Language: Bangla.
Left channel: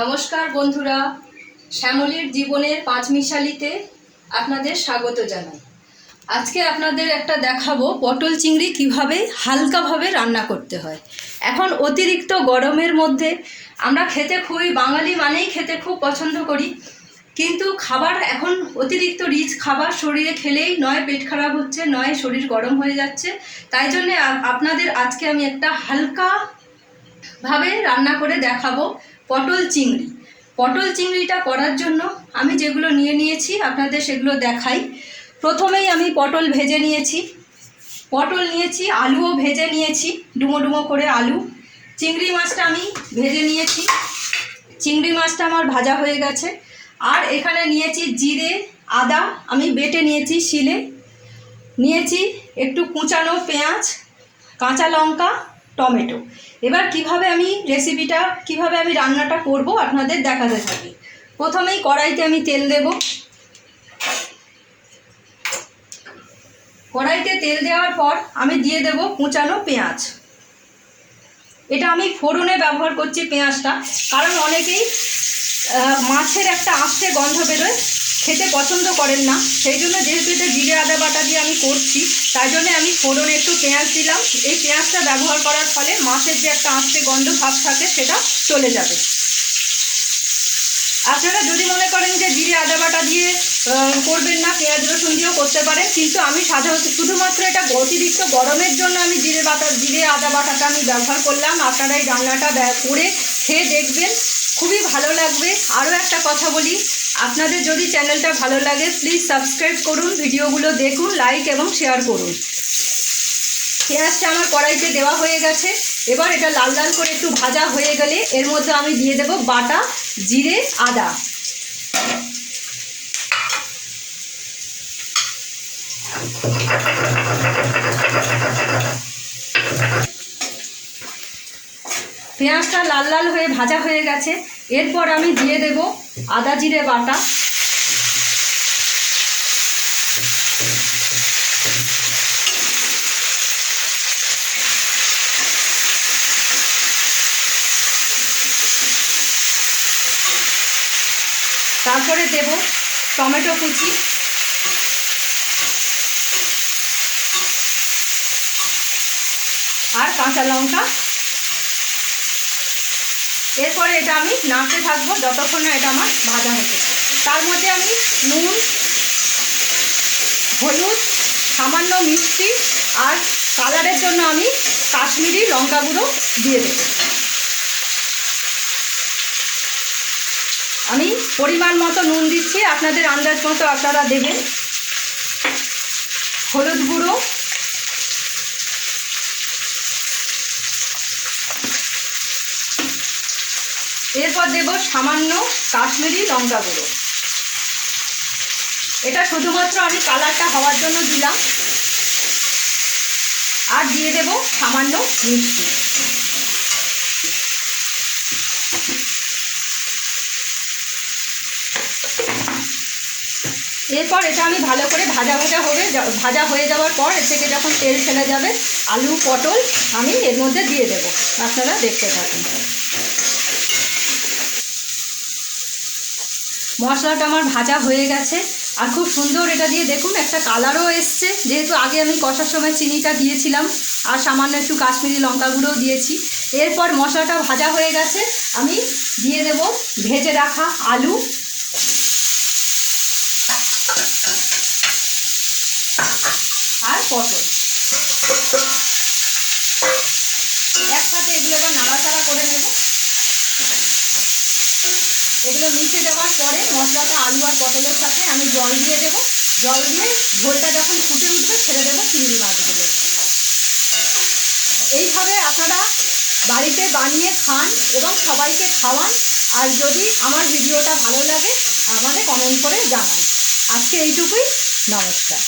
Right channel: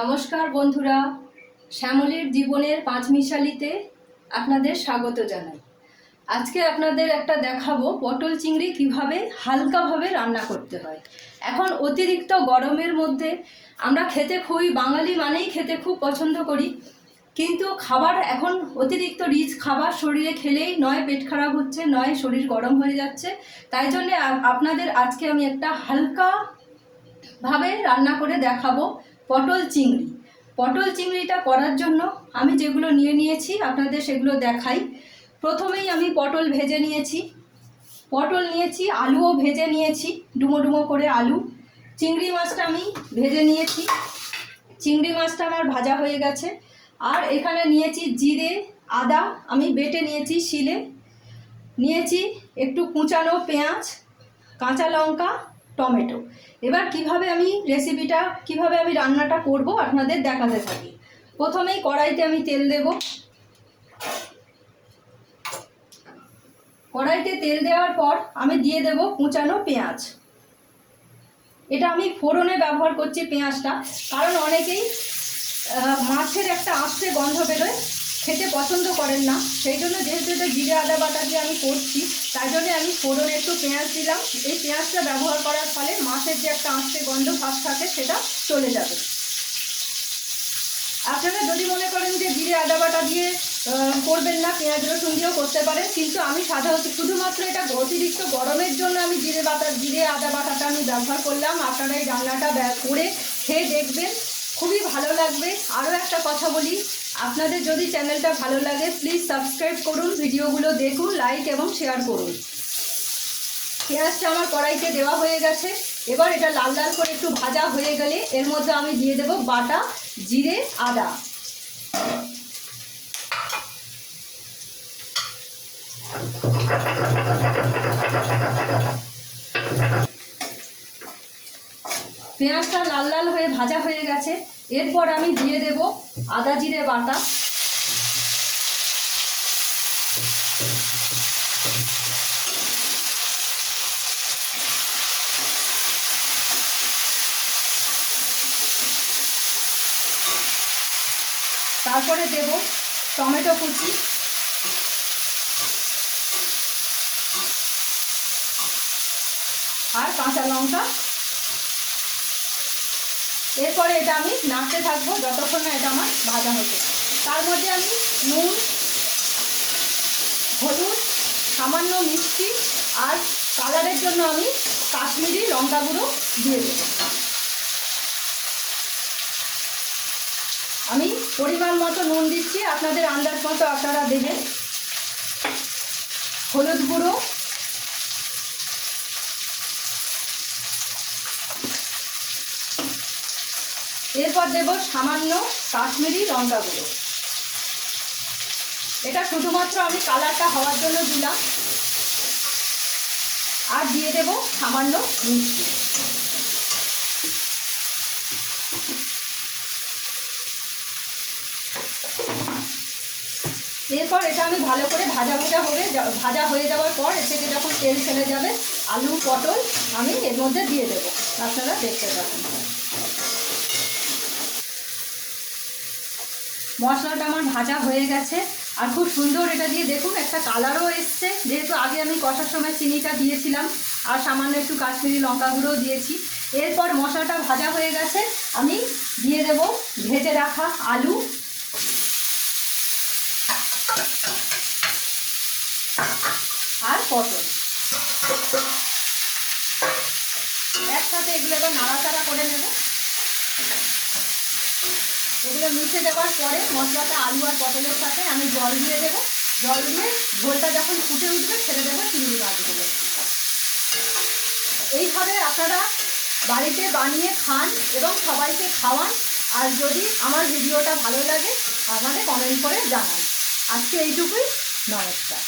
নমস্কার বন্ধুরা, শ্যামলীর জীবনের পাঁচমিশালিতে আপনাদের স্বাগত জানাই। আজকে আপনাদের একটা দেখাবো পটল চিংড়ি কিভাবে হালকাভাবে রান্না করতে হয়। এখন অতিরিক্ত গরমের মধ্যে আমরা খেতে খুবই বাঙালি মানেই খেতে খুব পছন্দ করি, কিন্তু খাবার এখন অতিরিক্ত রিচ খাবার শরীরে খেলেই নয় পেট খারাপ হচ্ছে, নয় শরীর গরম হয়ে যাচ্ছে। তাই জন্যে আপনাদের আজকে আমি একটা হালকাভাবে রান্না করে দেখাবো পটল চিংড়ি। পটল চিংড়িটা করার জন্য আমি যেগুলো নিয়েছি আপনাদের সেগুলো দেখাই। প্রথমেই আমি পটল ভেজে নিয়েছি, আলুও ভেজে নিয়েছি, ডুমো ডুমো করে আলু। চিংড়ি মাছটা আমি ভেজে নিয়েছি, চিংড়ি মাছটা আমার ভাজা হয়ে গেছে। আর এখানে নিয়েছি জিরে আদা, আমি বেটে নিয়েছি শিলে, নিয়েছি একটু কুচানো পেঁয়াজ, কাঁচা লঙ্কা, টমেটো। এবার কিভাবে আমি রান্নাটা করব আপনাদের দেখাতে থাকি। প্রথমেই কড়াইতে আমি তেল দেব। কড়াইতে তেল দেওয়ার পর আমি দিয়ে দেব কুচানো পেঁয়াজ। এটা আমি ফোড়নে ব্যবহার করছি পেঁয়াজটা, কারণ অনেকেই মাছের একটা আস্তে গন্ধ বেরোয়, খেতে পছন্দ করেন না। সেই জন্য যেহেতু এটা জিরে আদা বাটা দিয়ে আমি করছি, তাই জন্য আমি ফোড়নে একটু পেঁয়াজ দিলাম। এই পেঁয়াজটা ব্যবহার করার ফলে মাছের যে একটা আস্তে গন্ধ ভাব থাকে সেটা চলে যাবে। আপনারা যদি মনে করেন যে জিরে আদা বাটা দিয়ে করবেন না, পেঁয়াজ রসুন দিয়েও করতে পারেন, কিন্তু আমি সাধারণত শুধুমাত্র এটা অতিরিক্ত গরমের জন্য আমি জিরে আদা বাটাটা আমি ব্যবহার করলাম। আপনারা এই রান্নাটা করে খেয়ে দেখবেন, খুবই ভালো লাগবে। আরও একটা কথা বলি, আপনাদের যদি চ্যানেলটা ভালো লাগে প্লিজ সাবস্ক্রাইব করুন, ভিডিওগুলো দেখুন, লাইক এবং শেয়ার করুন। পেঁয়াজটা আমার কড়াইতে দেওয়া হয়ে গেছে। এবার এটা লাল লাল করে একটু ভাজা হয়ে গেলে এর মধ্যে আমি দিয়ে দেব বাটা জিরে আদা। পেঁয়াজটা লাল লাল হয়ে ভাজা হয়ে গেছে। এরপর আমি দিয়ে দেব আদা জিরে বাটা, তারপরে দেব টমেটো কুচি, আর কাঁচা লঙ্কা। এরপরে এটা আমি নাড়তে থাকবো যতক্ষণ না এটা আমার ভাজা হচ্ছে। তার মধ্যে আমি নুন, হলুদ, সামান্য মিষ্টি আর কালারের জন্য আমি কাশ্মীরি লঙ্কা গুঁড়ো দিয়ে দেব। আমি পরিমাণ মতো নুন দিচ্ছি, আপনাদের আন্দাজ মতো আপনারা দেবেন। হলুদ গুঁড়ো, এরপর দেব সামান্য কাশ্মীরি লঙ্কা গুঁড়ো। এটা শুধুমাত্র আমি কালারটা হওয়ার জন্য দিলাম। আর দিয়ে দেব সামান্য মিষ্টি। এরপর এটা আমি ভালো করে ভাজা হয়ে যাওয়ার পর এর থেকে যখন তেল ছেড়ে যাবে আলু পটল আমি এর মধ্যে দিয়ে দেব। আপনারা দেখতে থাকুন। মশলাটা আমার ভাজা হয়ে গেছে আর খুব সুন্দর এটা দিয়ে দেখুন একটা কালারও এসছে, যেহেতু আগে আমি কষার সময় চিনিটা দিয়েছিলাম আর সামান্য একটু কাশ্মীরি লঙ্কা গুঁড়োও দিয়েছি। এরপর মশলাটা ভাজা হয়ে গেছে, আমি দিয়ে দেব ভেজে রাখা আলু আর পটল। একসাথে এগুলো এবার নাড়াচাড়া করে নেব। এগুলো মিশে যাওয়ার পরে মশলাটা আলু আর পটলের সাথে আমি জল দিয়ে দেব। জল দিয়ে ঝোলটা যখন ফুটে উঠবে ছেড়ে দেবো চিংড়ি মাছগুলো। এইভাবে আপনারা বাড়িতে বানিয়ে খান এবং সবাইকে খাওয়ান। আর যদি আমার ভিডিওটা ভালো লাগে আমাদের কমেন্ট করে জানান। আজকে এইটুকুই, নমস্কার।